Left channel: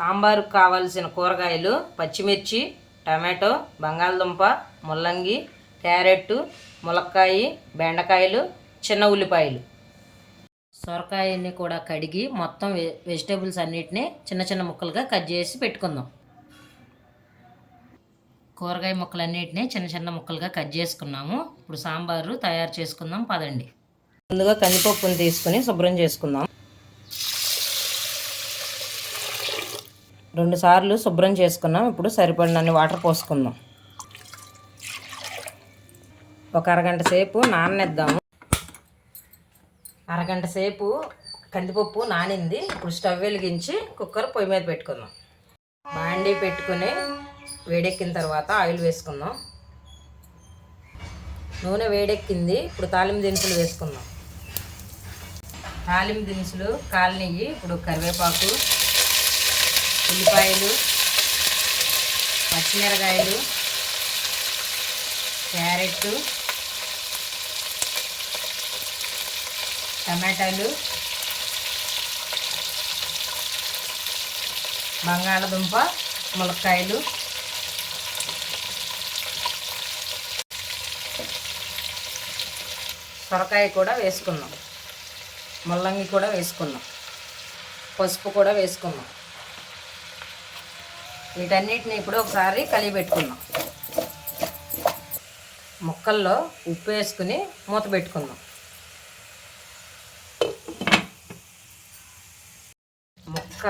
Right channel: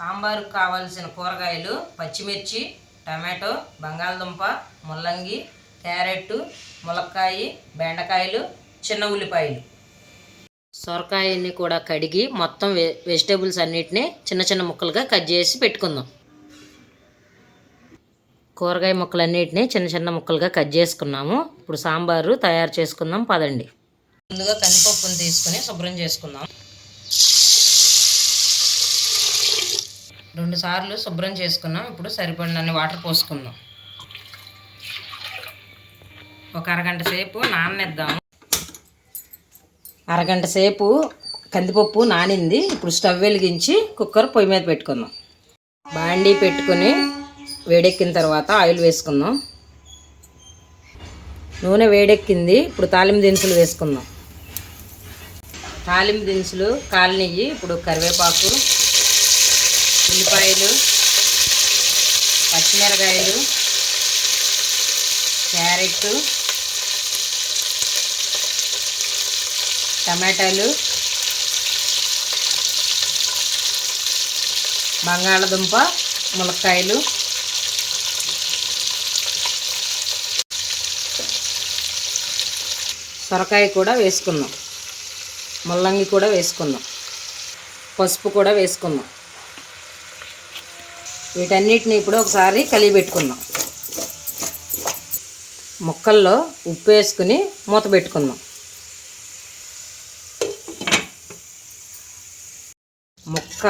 సాంబారుకు కావాల్సిన కూరగాయలు పచ్చిమిర్చి టమాటో బంగాళదుంప ముల్లంగి క్యారెట్ ములక్కాయ బెండకాయలు చిన్న ఉల్లిపాయలు. సొరకాయని కూడా కడిగి మొత్తం వె వెజిటేబుల్స్ అన్నిటిని చిన్న చిన్న ముక్కలుగా కట్ చేసి పెట్టుకుందాం. కూరగాయ ముక్కలన్నిటిని చిన్న చిన్న ముక్కలుగా కట్ చేసుకున్నాము. ఇప్పుడు సాంబారు తయారు చేసుకుందాం పదండి. ముందుగా కందిపప్పుని తీసుకుని శుభ్రం చేసుకుందాం. రెండు సార్లు శుభ్రం చేసుకున్నాం. ఇప్పుడు సరిపడినన్ని వాటర్ పోసుకుందాం. ఒక అరగంట సేపు నాననిద్దాము. అరగంట సేపు కందిపప్పు నానింది. ఇప్పుడు స్టవ్ వెలిగించి కుక్కర్ పొయ్యి మీద పెట్టుకుందాం. బాండీ పెట్టుకొని వేడెక్కిన తర్వాత ఆయిల్ వేసుకుందాం. నూనె వేడెక్కింది. ఇప్పుడు తాలింపు దినుసులు వేసుకుందాం. తాలింపు దినుసులు కాలినయ్యి ఇప్పుడు కరివేపాకు ఉల్లిపాయలు పచ్చిమిరకాయలు క్యారెట్ టమాటాలు బంగాళదుంప ములక్కాయలు. సొరకాయ కూడా వేసుకున్నాం. ముల్లంగి కూడా వేసుకున్నాం. పసుపు కూడా వేసుకున్నాం. వీటన్నిటిని ఇప్పుడు ఒకసారి కలిగి పెట్టుకుందాం. ముక్కల్లో ఉప్పు వేసుకుని మూత పెట్టుకుందాం. ముక్క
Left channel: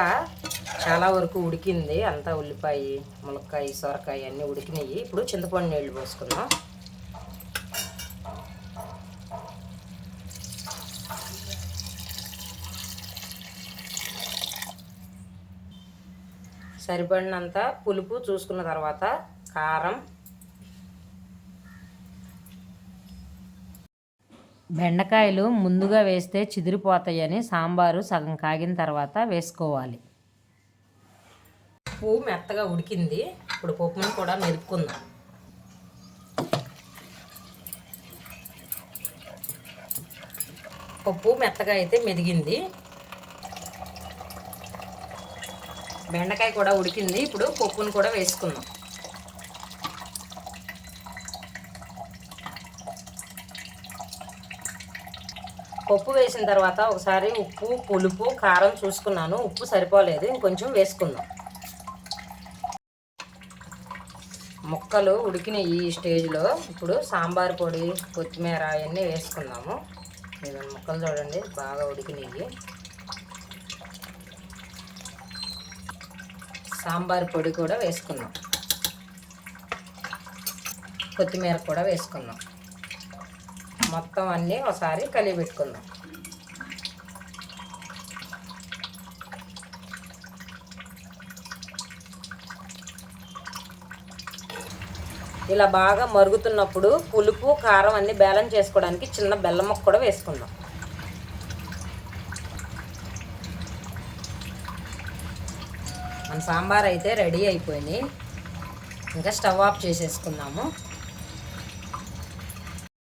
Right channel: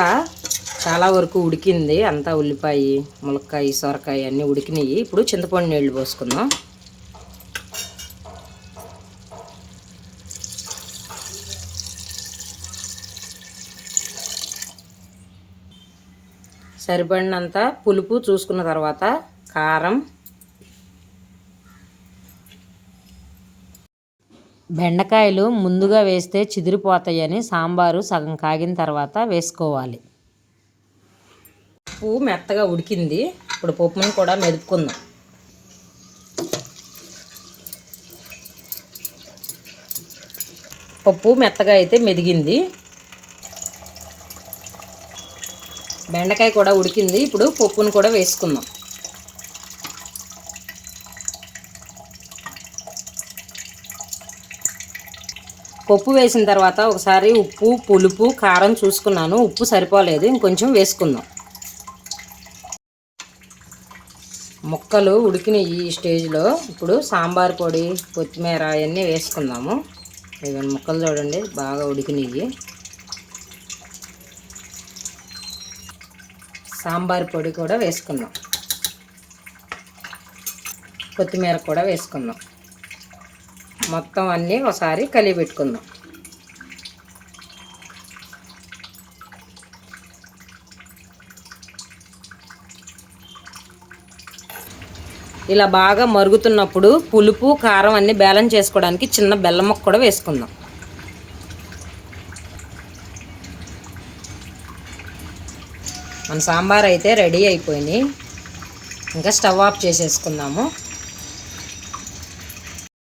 చాలా వరకు ఉడికింది. అంతా ఉల్లిపాయ ములక్కాయ సొరకాయ అన్నీ ఉడికినాయి. ఇప్పుడు చింతపండు నీళ్ళు పోసుకుందాం. సరిపడినంత పులుపు చూసుకున్న తర్వాత కారం బెండకాయలు ముందుగా వేస్తే చిదిరిపోతాయని సాంబారు సగం కాగిన తర్వాత వేసుకోవాలి. ఉప్పు మెత్తగా ఉడికింది. ఇప్పుడు పప్పుని కూడా మెదుపుకుందాం. పప్పు మెత్తగా అయితే మెదిగింది. బెండకాయ కూడా ఉడికింది. ఇప్పుడు పప్పును కూడా వేసుకుందాం. పప్పు వేసిన తర్వాత ఒకసారి ఉప్పు పులుపు కారం చూసుకున్నాను. ఉప్పు సరిపోలేదు. ఇంకొంచెం వేసుకుందాం. ముక్కలు ఉడికిన ఈ స్టేజ్లో. ఇప్పుడు సాంబార్ పొడి కొత్తిమీర అవన్నీ వేసుకుందాము. ఇవన్నీ ముక్కలు చూడండి. బాగా ఉడికినాయి. సాంబార్ పొడి కూడా వేసుకుందాం కొత్తిమీర కూడా వేసుకుందాం మొత్తం అన్నీ ఒకసారి కలిగి పెట్టుకుందాం. ఇలా బాగా మరుగుతున్నప్పుడు పులుపు కారం అన్నీ బ్యాలెన్స్ చేసుకోవడానికి చిన్న బెల్లం ముక్క కూడా వేసుకుందాం. మన సాంబార్ అయితే రెడీ అయిపోయింది. ఇంకా స్టవ్ ఆఫ్ చేసేసుకుందాము.